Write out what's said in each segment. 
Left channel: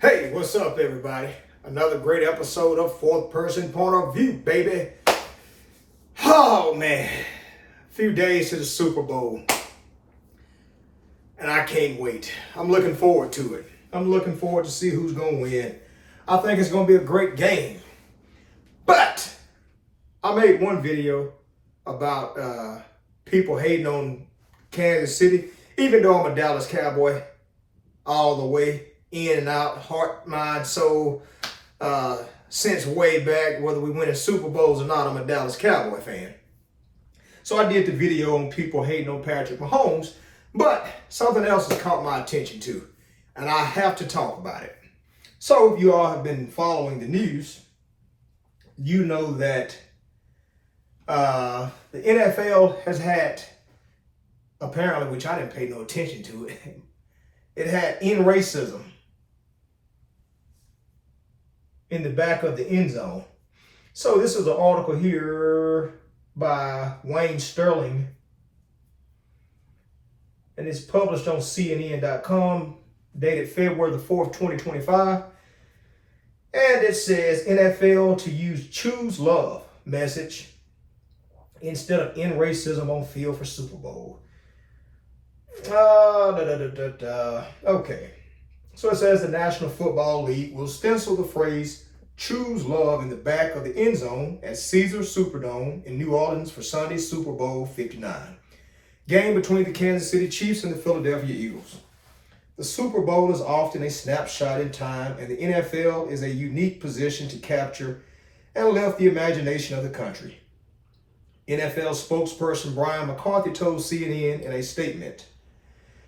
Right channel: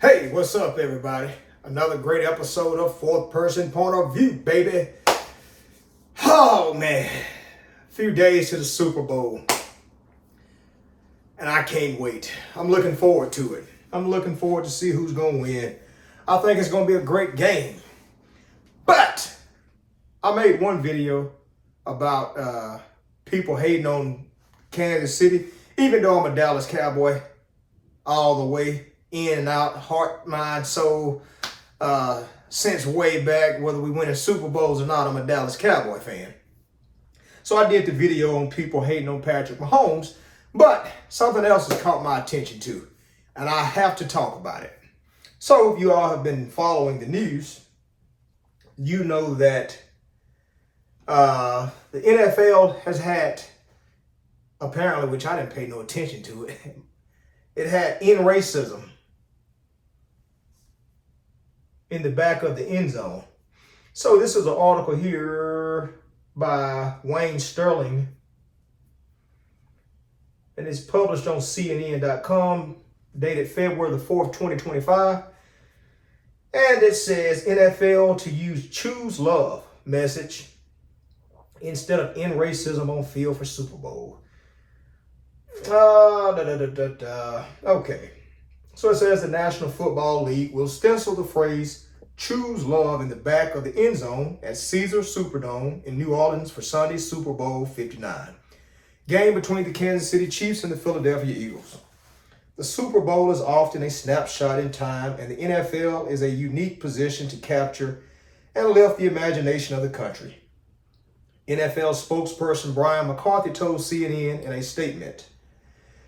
Hey, what's up, everybody? Another great episode of Fourth Person Point of View, baby. Oh, man. A few days to the Super Bowl. And I can't wait. I'm looking forward to it. I'm looking forward to see who's going to win. I think it's going to be a great game. But I made one video about people hating on Kansas City, even though I'm a Dallas Cowboy all the way. In and out, heart, mind, soul, since way back, whether we win in Super Bowls or not, I'm a Dallas Cowboy fan. So I did the video on people hating on Patrick Mahomes, but something else has caught my attention too, and I have to talk about it. So if you all have been following the news, you know that the NFL has had, apparently, which I didn't pay no attention to it, it had in racism in the back of the end zone. So this is an article here by Wayne Sterling, and it's published on CNN.com, dated February the 4th, 2025. And it says NFL to use choose love message instead of end racism on field for Super Bowl. Okay. So it says the National Football League will stencil the phrase choose love in the back of the end zone at Caesars Superdome in New Orleans for Sunday's Super Bowl 59. Game between the Kansas City Chiefs and the Philadelphia Eagles. The Super Bowl is often a snapshot in time, and the NFL is a unique position to capture and lift the imagination of the country. NFL spokesperson Brian McCarthy told CNN in a statement,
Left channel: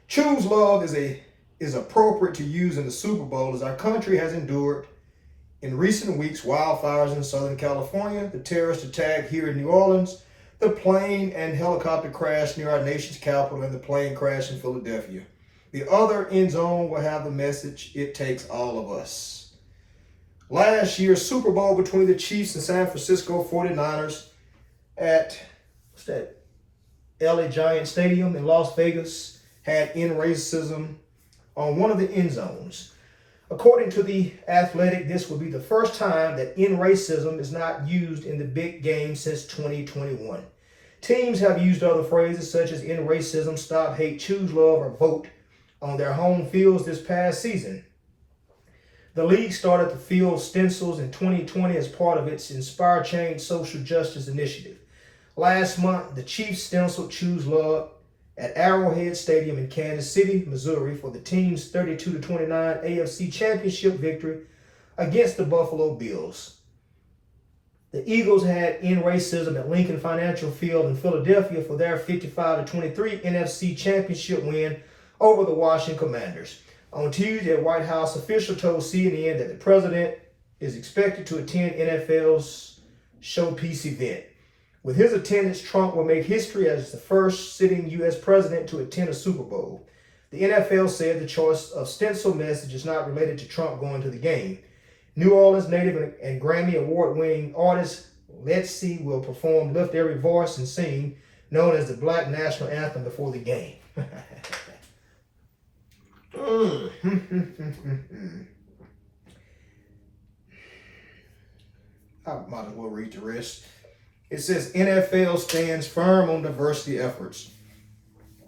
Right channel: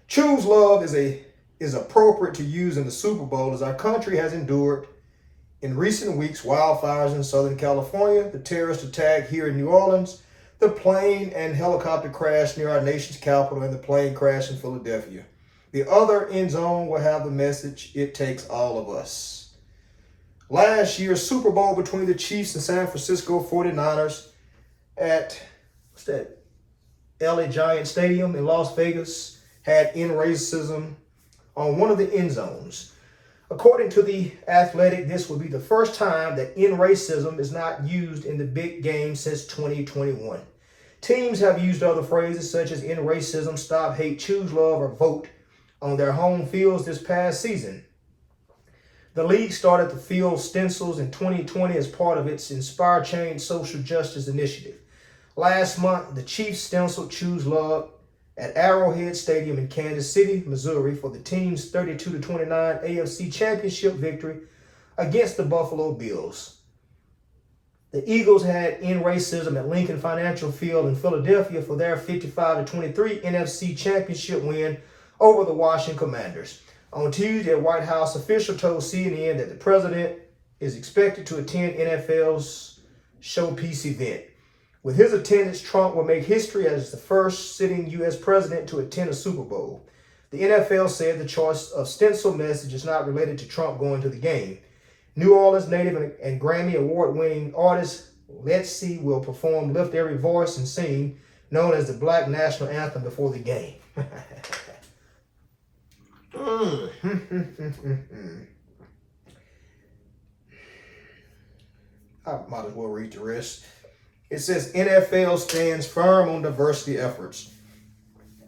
"Choose love is appropriate to use in the Super Bowl as our country has endured in recent weeks wildfires in Southern California, the terrorist attack here in New Orleans, the plane and helicopter crash near our nation's capital, and the plane crash in Philadelphia. The other end zone will have the message, it takes all of us." Last year's Super Bowl between the Chiefs and San Francisco 49ers at LA Giant Stadium in Las Vegas had in racism on one of the end zones. According to The Athletic, this will be the first time that in racism is not used in the big game since 2021. Teams have used other phrases such as in racism, stop hate, choose love, or vote on their home fields this past season. The league started the field stencils in 2020 as part of its Inspire Change social justice initiative. Last month, the Chiefs stenciled choose love at Arrowhead Stadium in Kansas City, Missouri for the team's 32-29 AFC Championship victory against the Buffalo Bills. The Eagles had in racism at Lincoln Financial Field in Philadelphia for their 55-23 NFC Championship win over the Washington Commanders. On Tuesday, a White House official told CNN that the president is expected to attend NFL's Showpiece event. With his attendance, Trump will make history as the first sitting U.S. president to attend a Super Bowl. The NFL said the choice of stencil message is not related to Trump going to the game. New Orleans native and Grammy award-winning artist Let's See will perform Lift Every Voice and Sing, known as the Black National Anthem, before the game. I might as well read the rest. It says NFL stands firm on diversity efforts.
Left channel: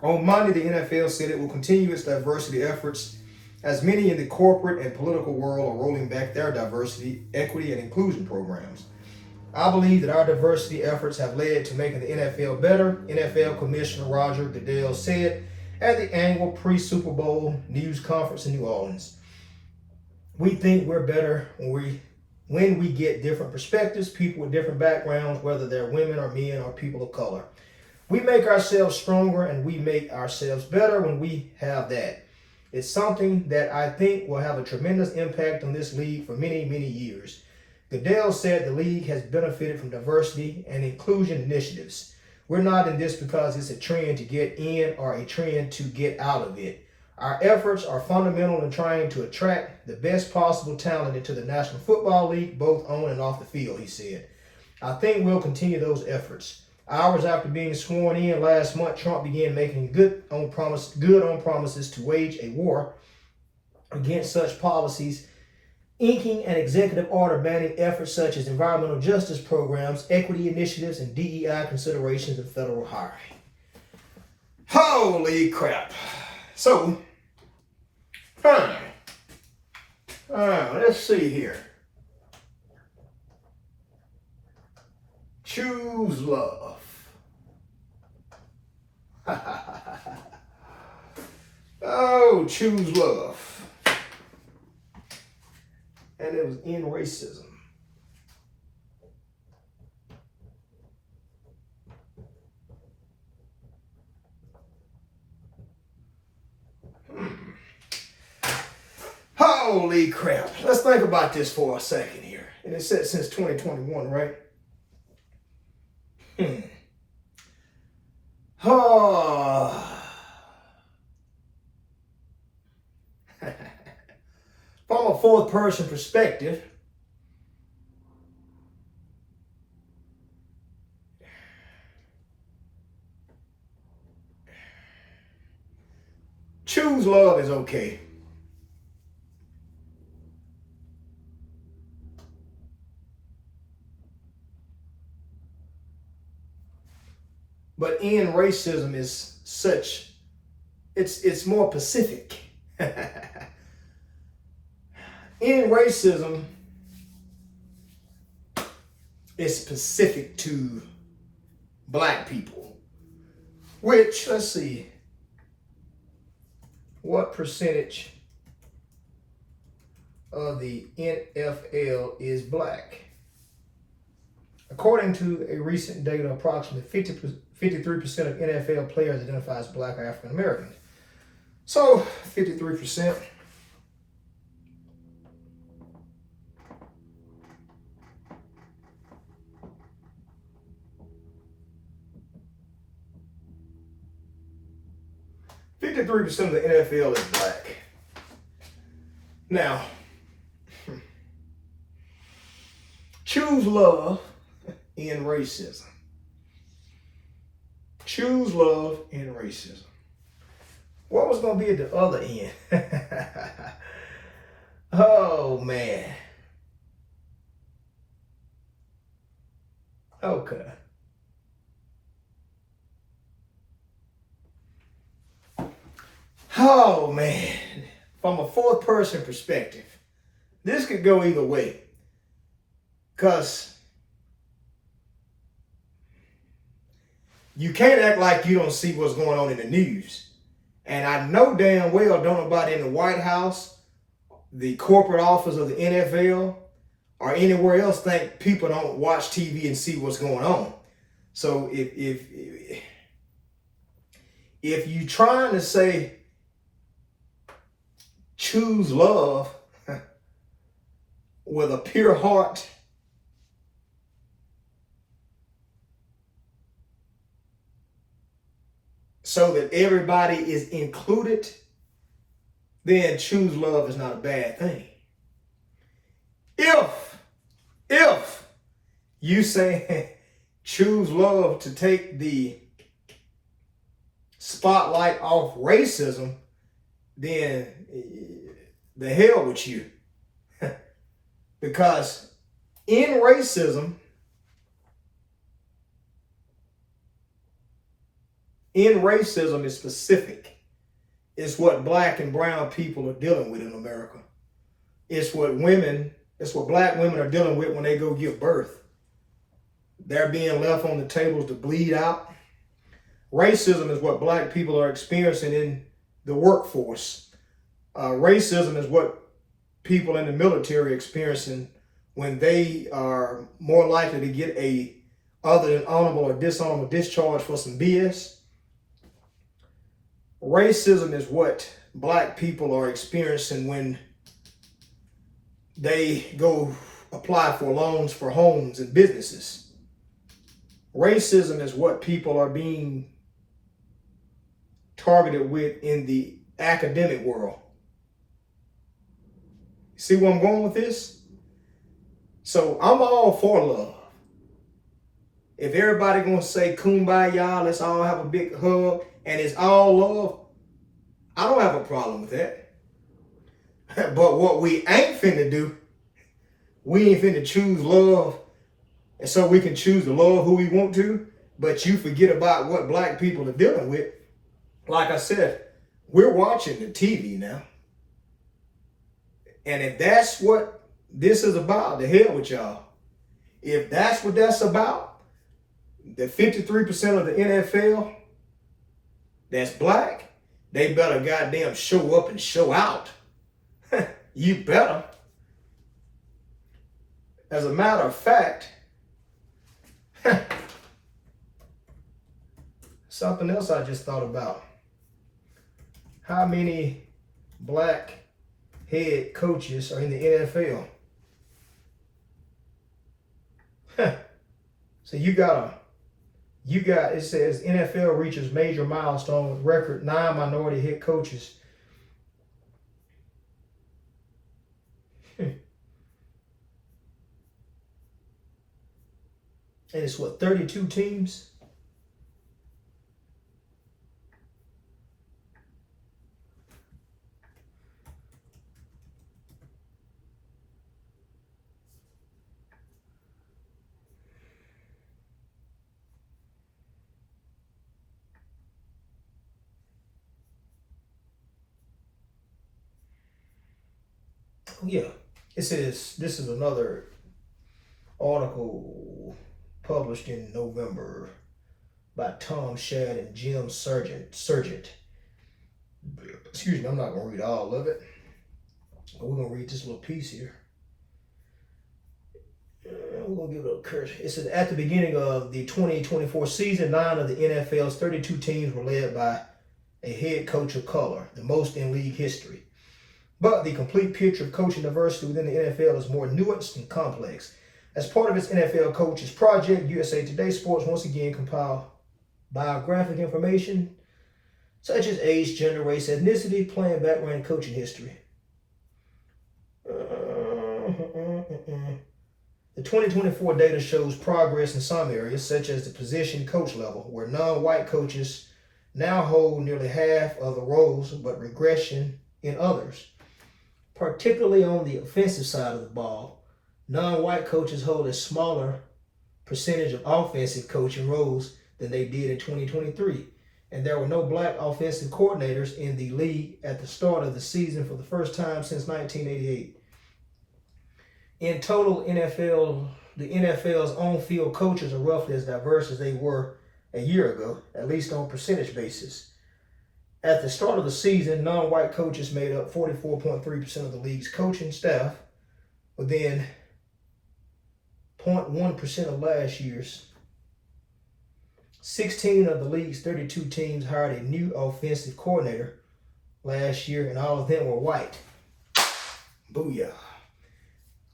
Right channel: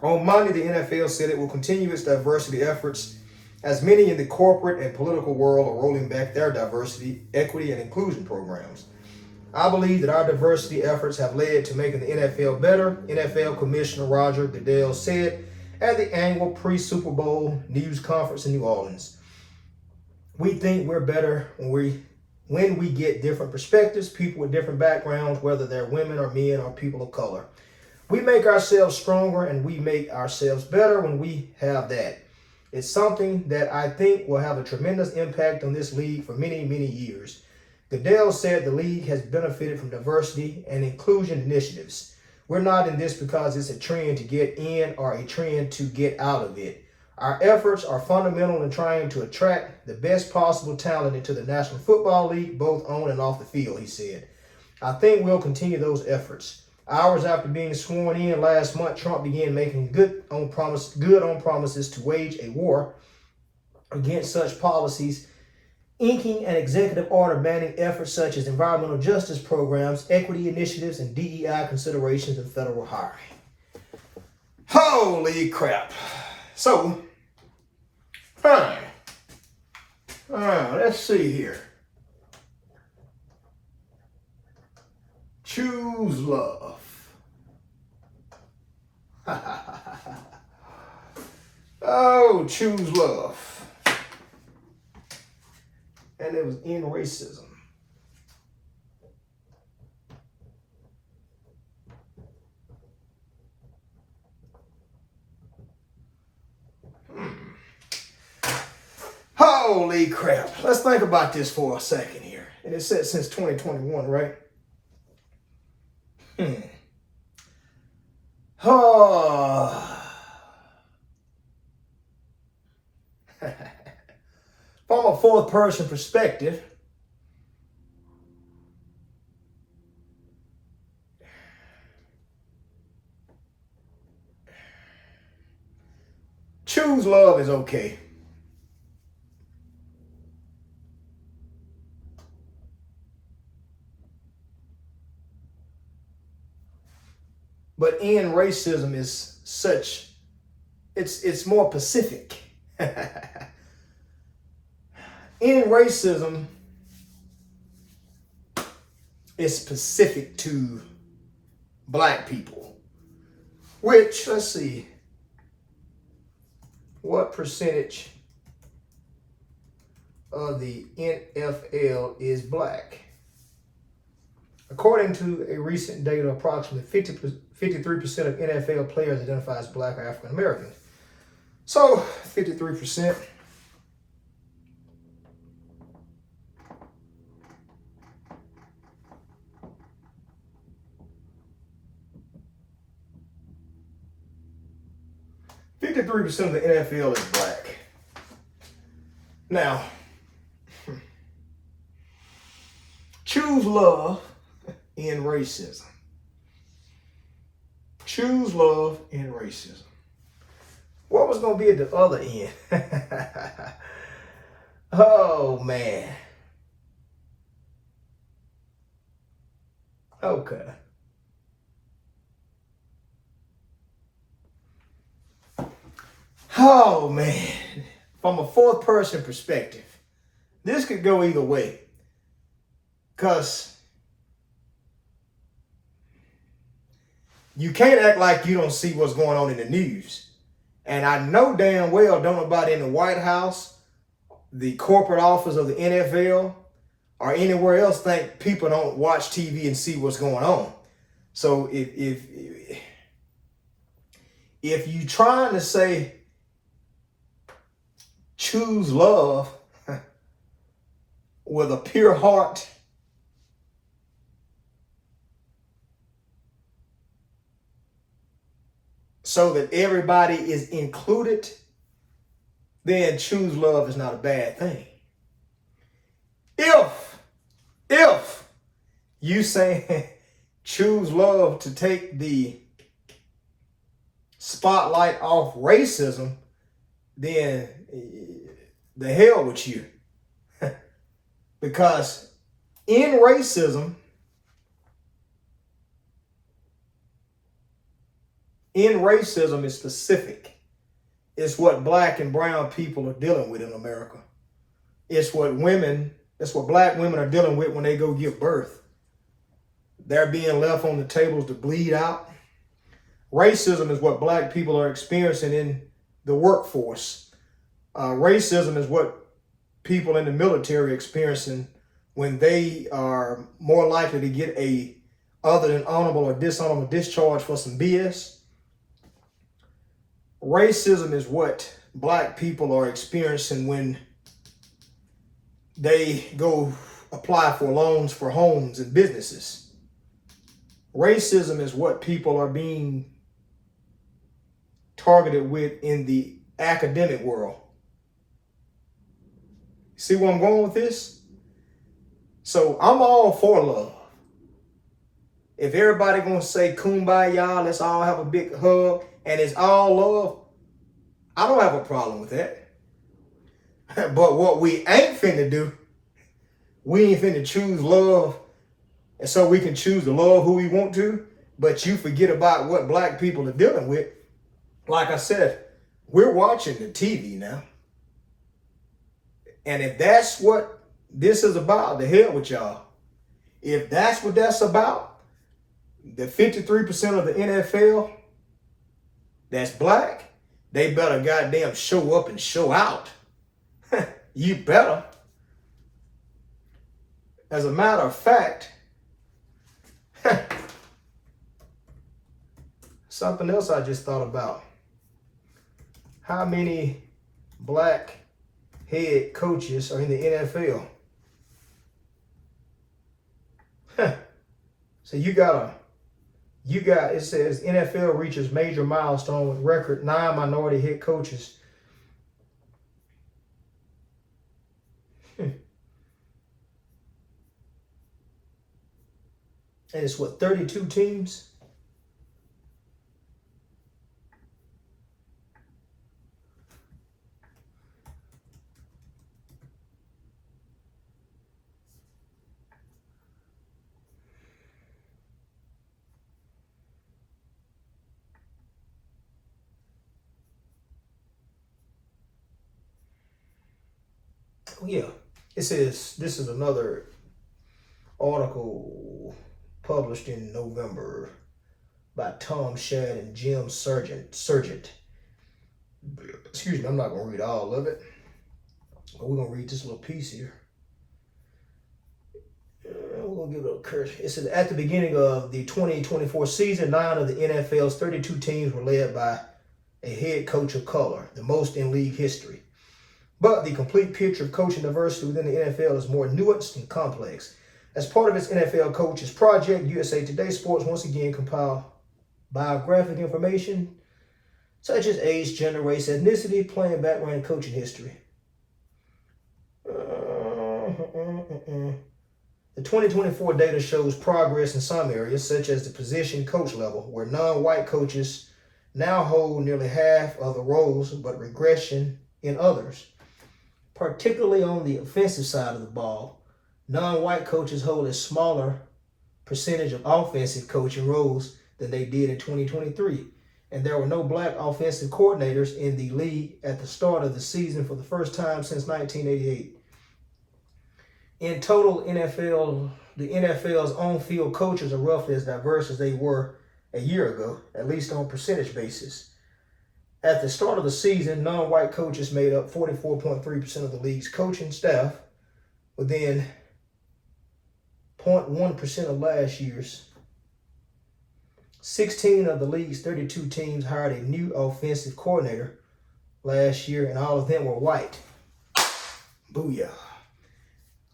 On Monday, the NFL said it will continue its diversity efforts as many in the corporate and political world are rolling back their diversity, equity, and inclusion programs. I believe that our diversity efforts have led to making the NFL better, NFL Commissioner Roger Goodell said at the annual pre-Super Bowl news conference in New Orleans. We think we're better when we get different perspectives, people with different backgrounds, whether they're women or men or people of color. We make ourselves stronger and we make ourselves better when we have that. It's something that I think will have a tremendous impact on this league for many, many years. Goodell said the league has benefited from diversity and inclusion initiatives. We're not in this because it's a trend to get in or a trend to get out of it. Our efforts are fundamental in trying to attract the best possible talent into the National Football League, both on and off the field, he said. I think we'll continue those efforts. Hours after being sworn in last month, Trump began making good on promises to wage a war against such policies inking an executive order banning efforts such as environmental justice programs, equity initiatives, and DEI considerations in federal hiring. Holy crap. So, let's see here. Choose love. Oh, choose love. And it was in racism. Holy crap. Let's think about this for a second here. And it said since 2021, right? Oh. From a fourth person perspective, choose love is okay. But in racism is such, it's more Pacific. In racism, it's specific to black people, which, let's see, what percentage of the NFL is black? According to a recent data, approximately 53% of NFL players identify as black or African American. So 53%. of the NFL is black. Now, choose love in racism. Choose love in racism. What was going to be at the other end? Oh, man. Okay. Oh, man. From a fourth person perspective, this could go either way. Because you can't act like you don't see what's going on in the news. And I know damn well don't nobody in the White House, the corporate office of the NFL, or anywhere else think people don't watch TV and see what's going on. So if you trying to say choose love with a pure heart, so that everybody is included, then choose love is not a bad thing. If you say choose love to take the spotlight off racism, then the hell with you. Because in racism is specific. It's what black and brown people are dealing with in America. It's what black women are dealing with when they go give birth. They're being left on the tables to bleed out. Racism is what black people are experiencing in the workforce. Racism is what people in the military are experiencing when they are more likely to get a other than honorable or dishonorable discharge for some BS. Racism is what black people are experiencing when they go apply for loans for homes and businesses. Racism is what people are being targeted with in the academic world. See where I'm going with this? So I'm all for love. If everybody gonna say kumbaya, let's all have a big hug, and it's all love, I don't have a problem with that. But what we ain't finna do we ain't finna choose love, and so we can choose to love who we want to, but you forget about what black people are dealing with. Like I said, we're watching the TV now. And if that's what this is about, the hell with y'all. If that's what that's about, the 53% of the NFL that's black, they better goddamn show up and show out. You better. As a matter of fact, something else I just thought about. How many black head coaches are in the NFL? So it says NFL reaches major milestone with record 9 minority head coaches. And it's what, 32 teams? Yeah, it says this is another article published in November by Tom Shad and Jim Sargent. Excuse me, I'm not going to read all of it, but we're going to read this little piece here. We're going to give it a curse. It says at the beginning of the 2024 season, 9 of the NFL's 32 teams were led by a head coach of color, the most in league history. But the complete picture of coaching diversity within the NFL is more nuanced and complex. As part of its NFL Coaches Project, USA Today Sports once again compiled biographic information such as age, gender, race, ethnicity, playing background, and coaching history. The 2024 data shows progress in some areas, such as the position coach level, where non-white coaches now hold nearly half of the roles, but regression in others. Particularly on the offensive side of the ball, non-white coaches hold a smaller percentage of offensive coaching roles than they did in 2023. And there were no black offensive coordinators in the league at the start of the season for the first time since 1988. In total, the NFL's on-field coaches are roughly as diverse as they were a year ago, at least on percentage basis. At the start of the season, non-white coaches made up 44.3% of the league's coaching staff, within 0.1% of last year's. 16 of the league's 32 teams hired a new offensive coordinator last year, and all of them were white. Booyah.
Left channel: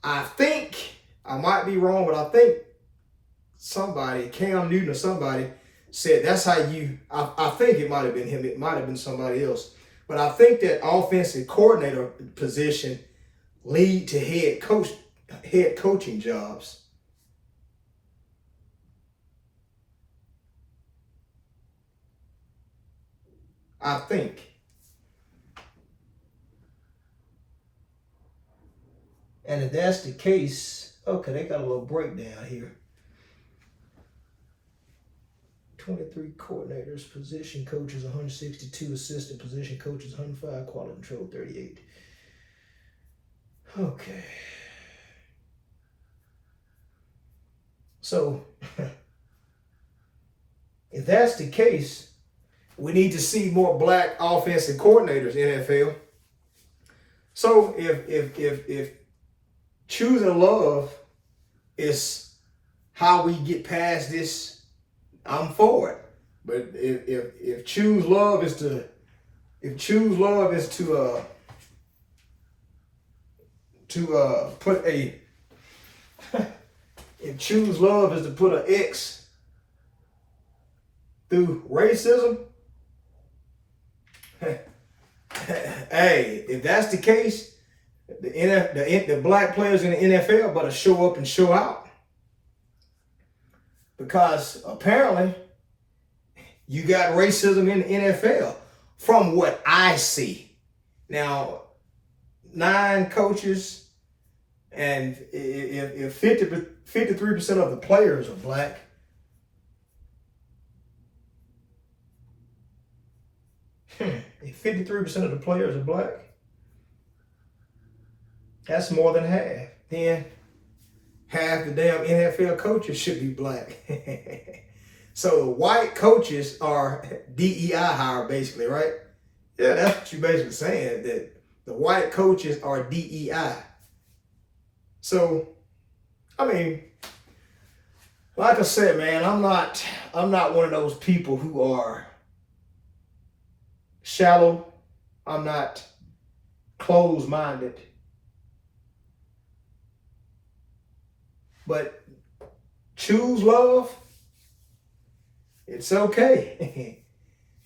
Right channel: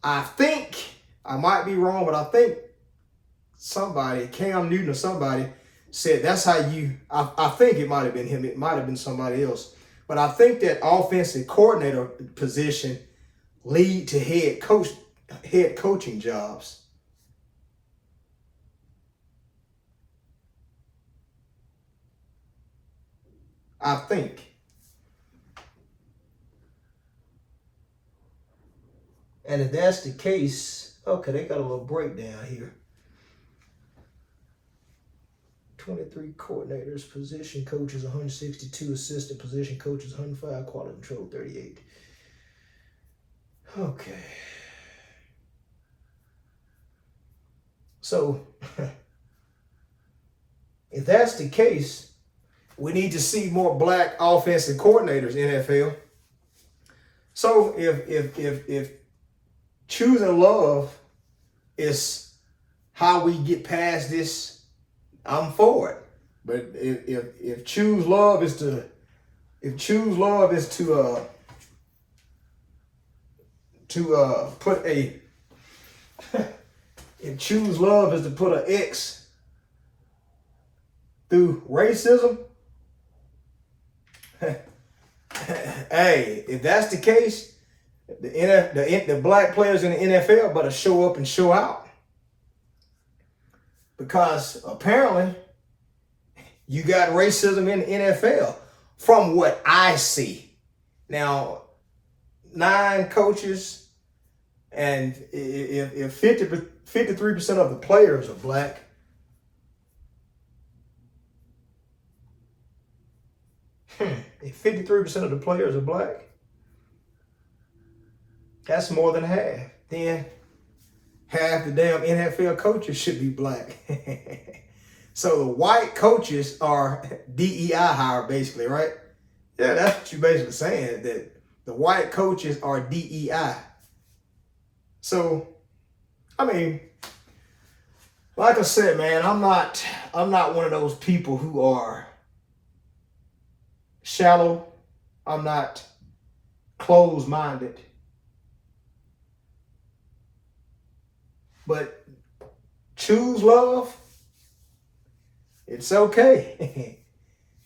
I think, I might be wrong, but I think somebody, Cam Newton or somebody, said that's how I think it might have been him, it might have been somebody else, but I think that offensive coordinator position lead to head coaching jobs. I think. And if that's the case, okay, they got a little breakdown here. 23 coordinators, position coaches 162, assistant position coaches 105, quality control 38. Okay. So, if that's the case, we need to see more black offensive coordinators in NFL. So if choosing love is how we get past this, I'm for it. But if choose love is to put a if choose love is to put an X through racism, hey, if that's the case, the black players in the NFL better show up and show out. Because apparently you got racism in the NFL from what I see. Now, 9 coaches, And if 53% of the players are black, if 53% of the players are black, that's more than half. Then half the damn NFL coaches should be black. So white coaches are DEI hire, basically, right? Yeah, that's what you're basically saying, that the white coaches are DEI. So, I mean, like I said, man, I'm not one of those people who are shallow. I'm not closed-minded. But choose love, it's okay.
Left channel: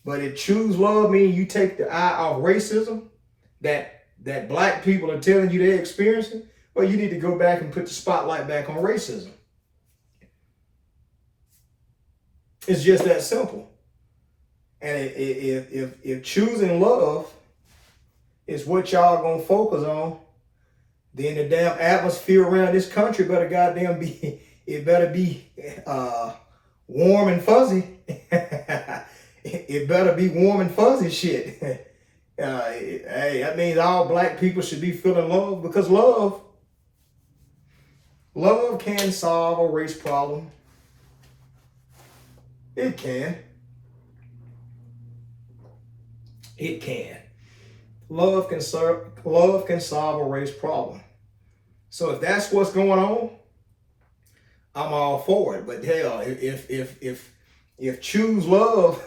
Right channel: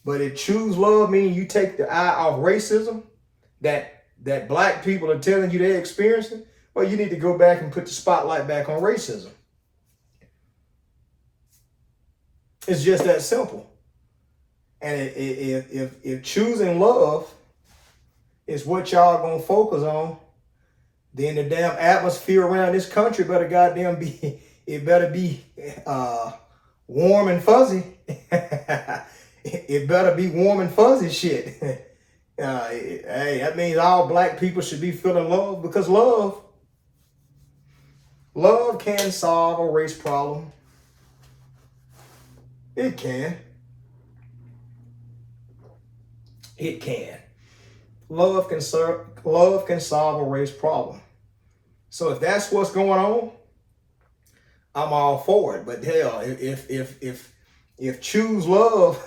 But if choose love means you take the eye off racism that black people are telling you they're experiencing, well, you need to go back and put the spotlight back on racism. It's just that simple. And if choosing love is what y'all gonna focus on, then the damn atmosphere around this country better goddamn be, it better be warm and fuzzy. It better be warm and fuzzy shit. Hey, that means all black people should be feeling love, because love can solve a race problem. It can. It can. Love can solve a race problem. So if that's what's going on, I'm all for it. But hell, if choose love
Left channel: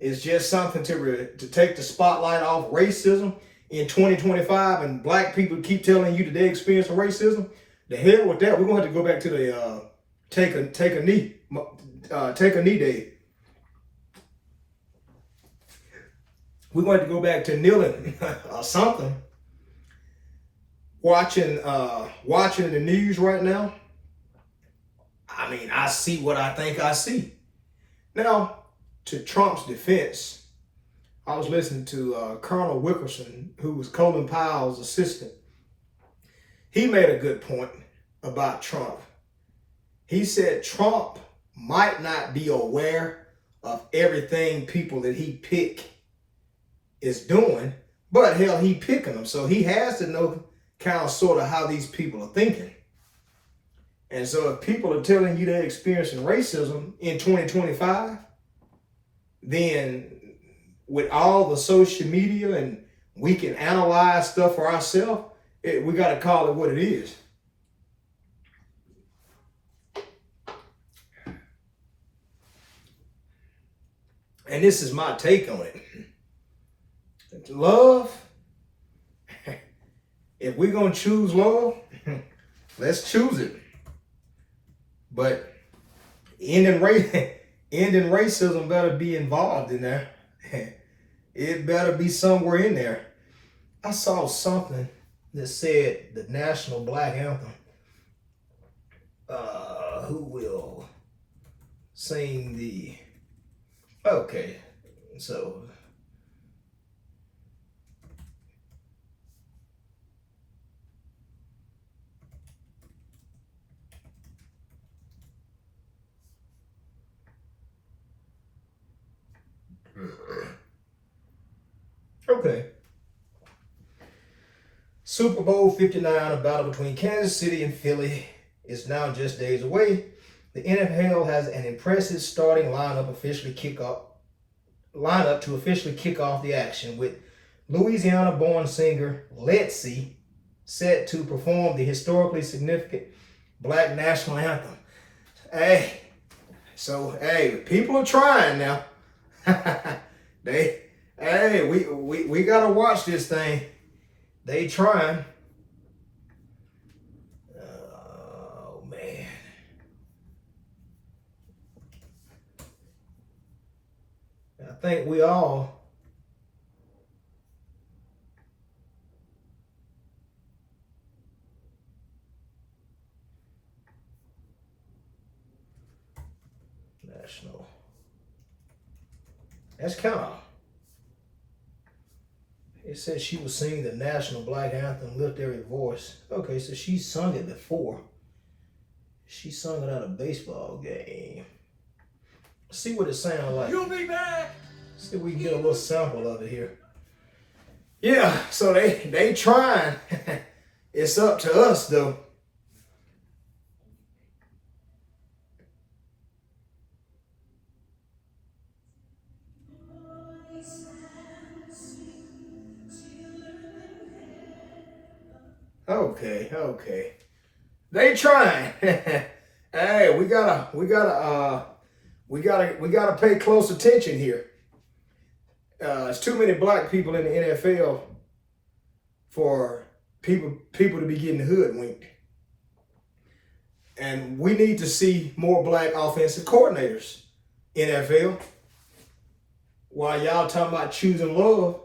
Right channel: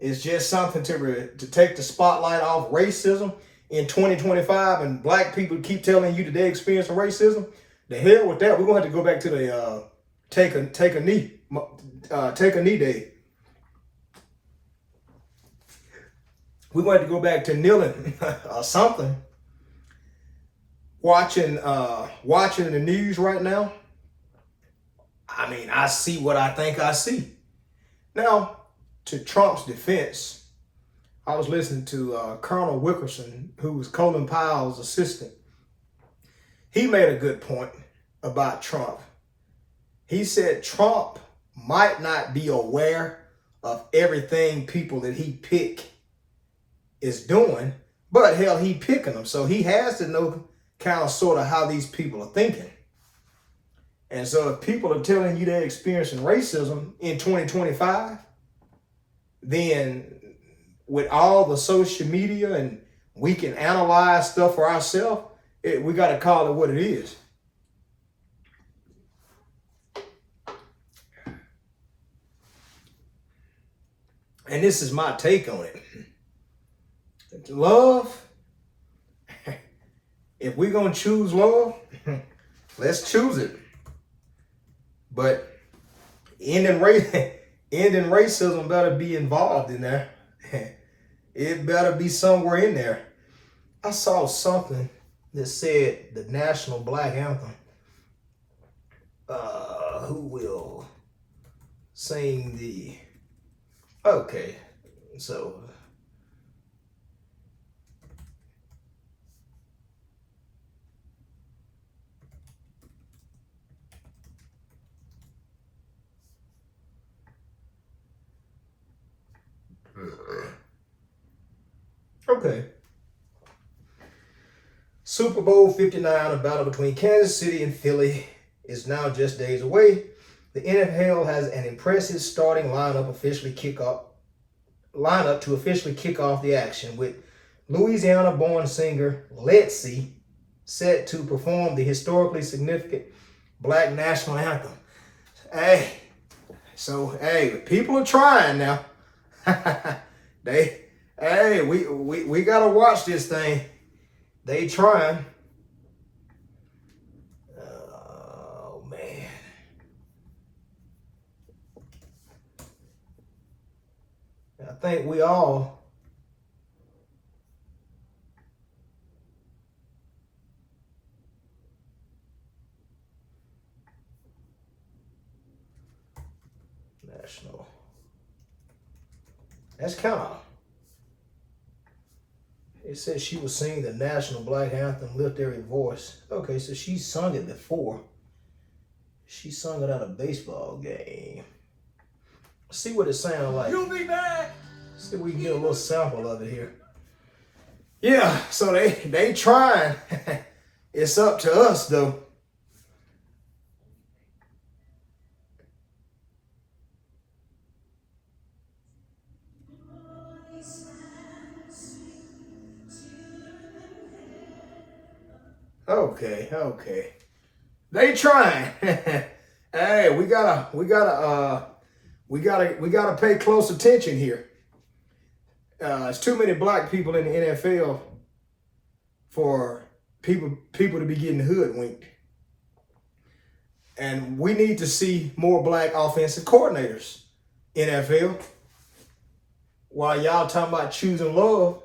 is just something to take the spotlight off racism in 2025, and black people keep telling you that they experience racism, the hell with that. We're gonna have to go back to the take a knee day. We're going to go back to kneeling or something. Watching the news right now, I mean, I see what I think I see. Now, to Trump's defense, I was listening to Colonel Wilkerson, who was Colin Powell's assistant. He made a good point about Trump. He said Trump might not be aware of everything people that he pick is doing, but hell, he picking them. So he has to know kind of sort of how these people are thinking. And so if people are telling you they're experiencing racism in 2025, then with all the social media and we can analyze stuff for ourselves, we got to call it what it is. And this is my take on it. Love, if we're going to choose love, let's choose it. But ending racism better be involved in there. It better be somewhere in there. I saw something that said the national black anthem. Who will sing the... Okay, so... Okay. Super Bowl 59, a battle between Kansas City and Philly, is now just days away. The NFL has an impressive starting lineup to officially kick off the action, with Louisiana-born singer Letzi set to perform the historically significant Black national anthem. Hey, people are trying now. We gotta watch this thing. They trying. Oh man. I think we all national. That's kind of It says she was singing the national black anthem, Lift Every Voice. Okay, so she sung it before. She sung it at a baseball game. See what it sounds like. You'll be back. See if we can get a little sample of it here. Yeah, so they trying. It's up to us though. Okay. They trying. Hey, we gotta pay close attention here. It's too many black people in the NFL for people to be getting hoodwinked. And we need to see more black offensive coordinators in NFL. While y'all talking about choosing love,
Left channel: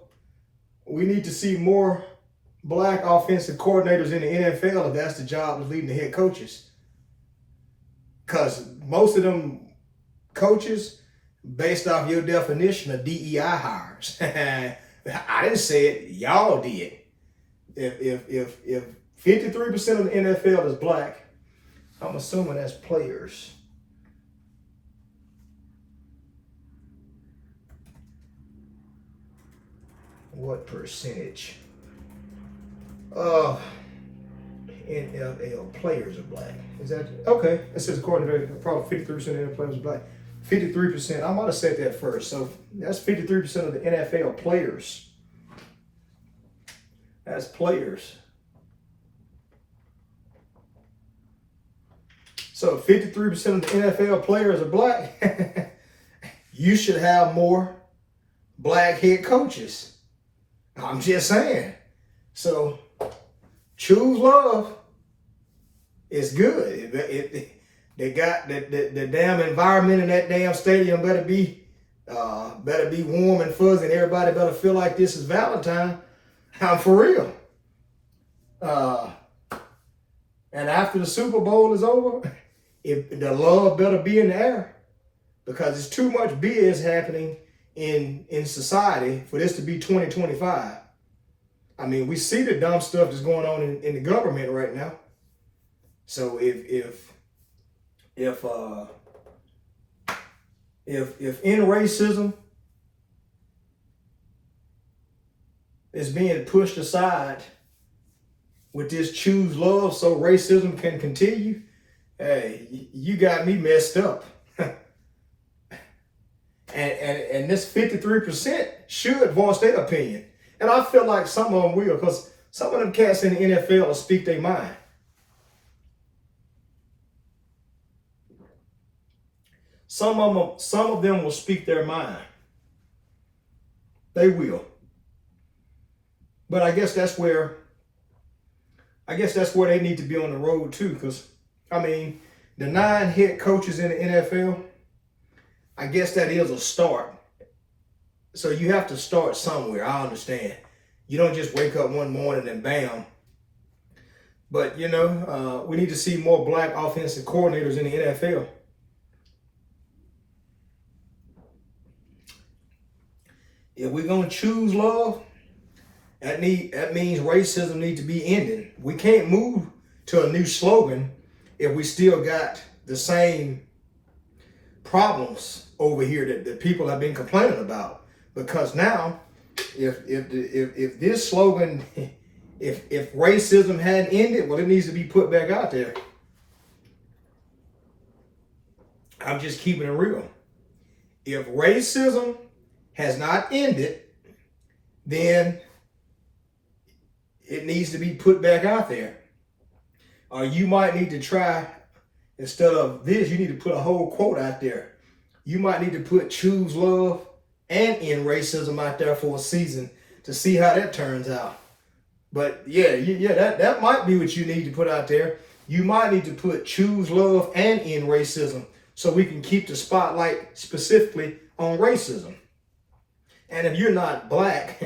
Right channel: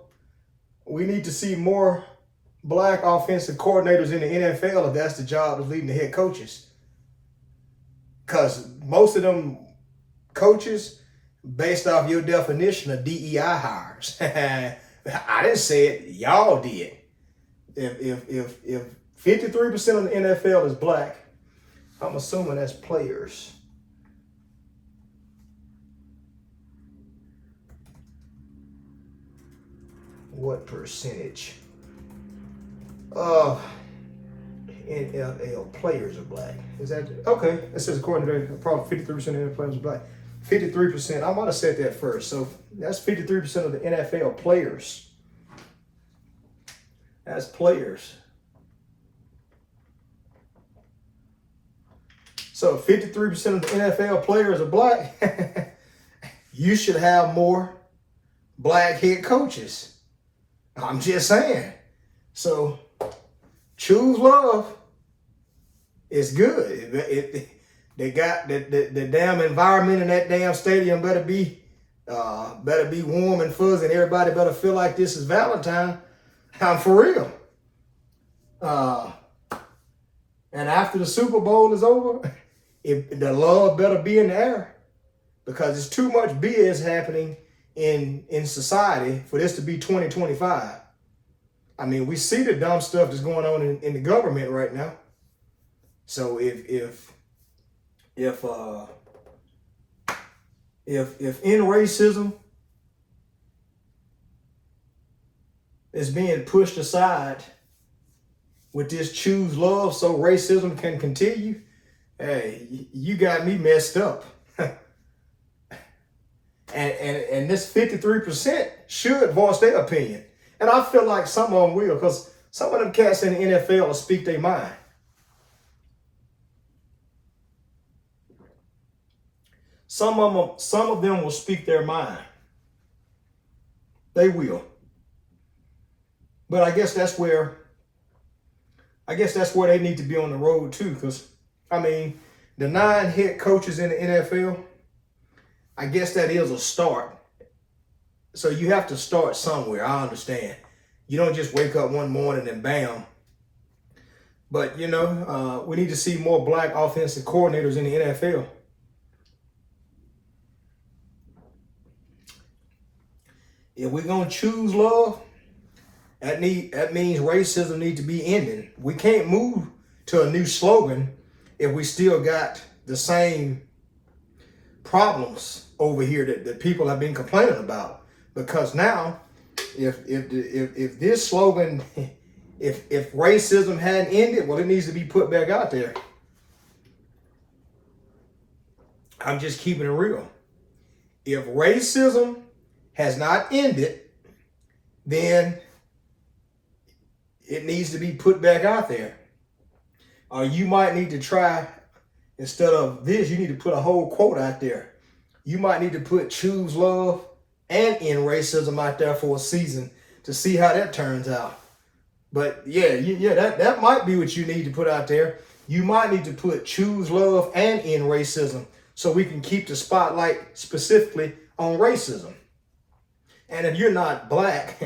we need to see more black offensive coordinators in the NFL if that's the job of leading the head coaches. Because most of them coaches, based off your definition, of DEI hires. I didn't say it, y'all did. If 53% of the NFL is black, I'm assuming that's players. What percentage of NFL players are black? Is that okay? It says according to probably 53% of the players are black. 53%. I might have said that first. So that's 53% of the NFL players. That's players. So 53% of the NFL players are black. You should have more black head coaches. I'm just saying. So choose love. It's good. They got the damn environment in that damn stadium better be warm and fuzzy, and everybody better feel like this is Valentine. I'm for real. And after the Super Bowl is over, the love better be in the air, because there's too much BS happening in society for this to be 2025. I mean, we see the dumb stuff that's going on in the government right now. So if in racism is being pushed aside with this choose love so racism can continue, hey, you got me messed up. and this 53% should voice their opinion. And I feel like some of them will, because some of them cats in the NFL will speak their mind. Some of them will speak their mind. They will. But I guess that's where they need to be on the road too, because I mean, the 9 head coaches in the NFL, I guess that is a start. So you have to start somewhere. I understand. You don't just wake up one morning and bam. But we need to see more black offensive coordinators in the NFL. If we're gonna choose love, that means racism needs to be ended. We can't move to a new slogan if we still got the same problems over here that people have been complaining about. Because now, if this slogan, if racism hadn't ended, well, it needs to be put back out there. I'm just keeping it real. If racism has not ended, then it needs to be put back out there. Or you might need to try, instead of this, you need to put a whole quote out there. You might need to put choose love and end racism out there for a season to see how that turns out. But that might be what you need to put out there. You might need to put choose love and end racism so we can keep the spotlight specifically on racism. And if you're not black,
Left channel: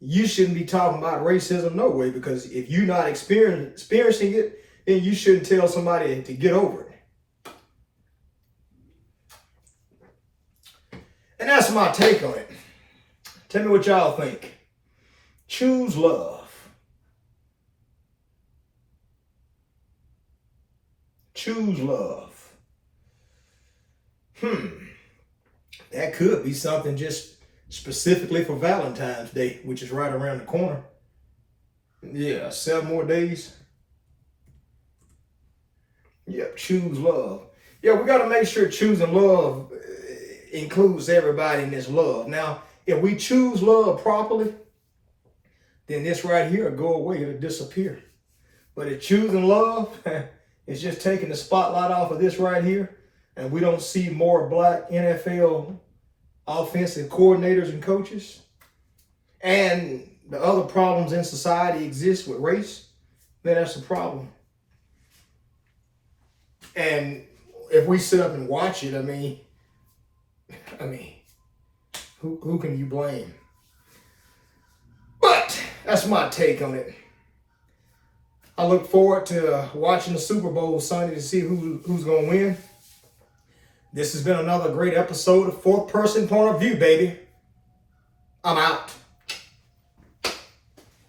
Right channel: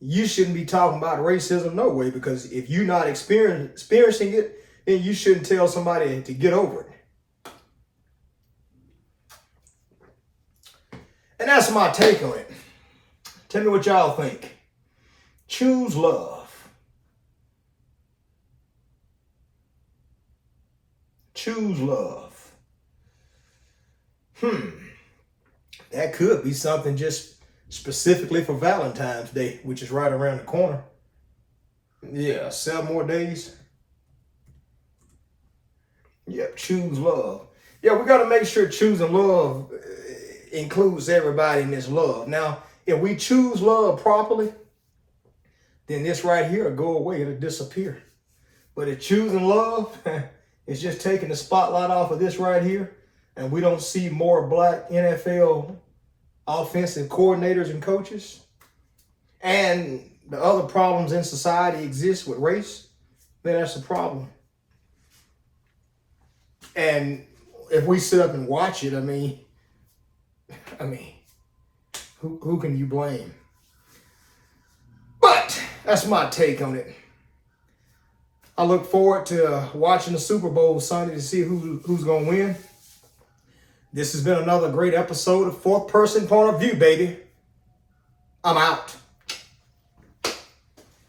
you shouldn't be talking about racism no way, because if you're not experiencing it, then you shouldn't tell somebody to get over it. And that's my take on it. Tell me what y'all think. Choose love. Choose love. That could be something just specifically for Valentine's Day, which is right around the corner. Yeah, 7 more days. Yep, choose love. Yeah, we got to make sure choosing love includes everybody in this love. Now, if we choose love properly, then this right here will go away. It'll disappear. But if choosing love is just taking the spotlight off of this right here, and we don't see more black NFL offensive coordinators and coaches, and the other problems in society exist with race, then that's a problem. And if we sit up and watch it, I mean, who can you blame? But that's my take on it. I look forward to watching the Super Bowl Sunday to see who's going to win. This has been another great episode of Fourth Person Point of View, baby. I'm out.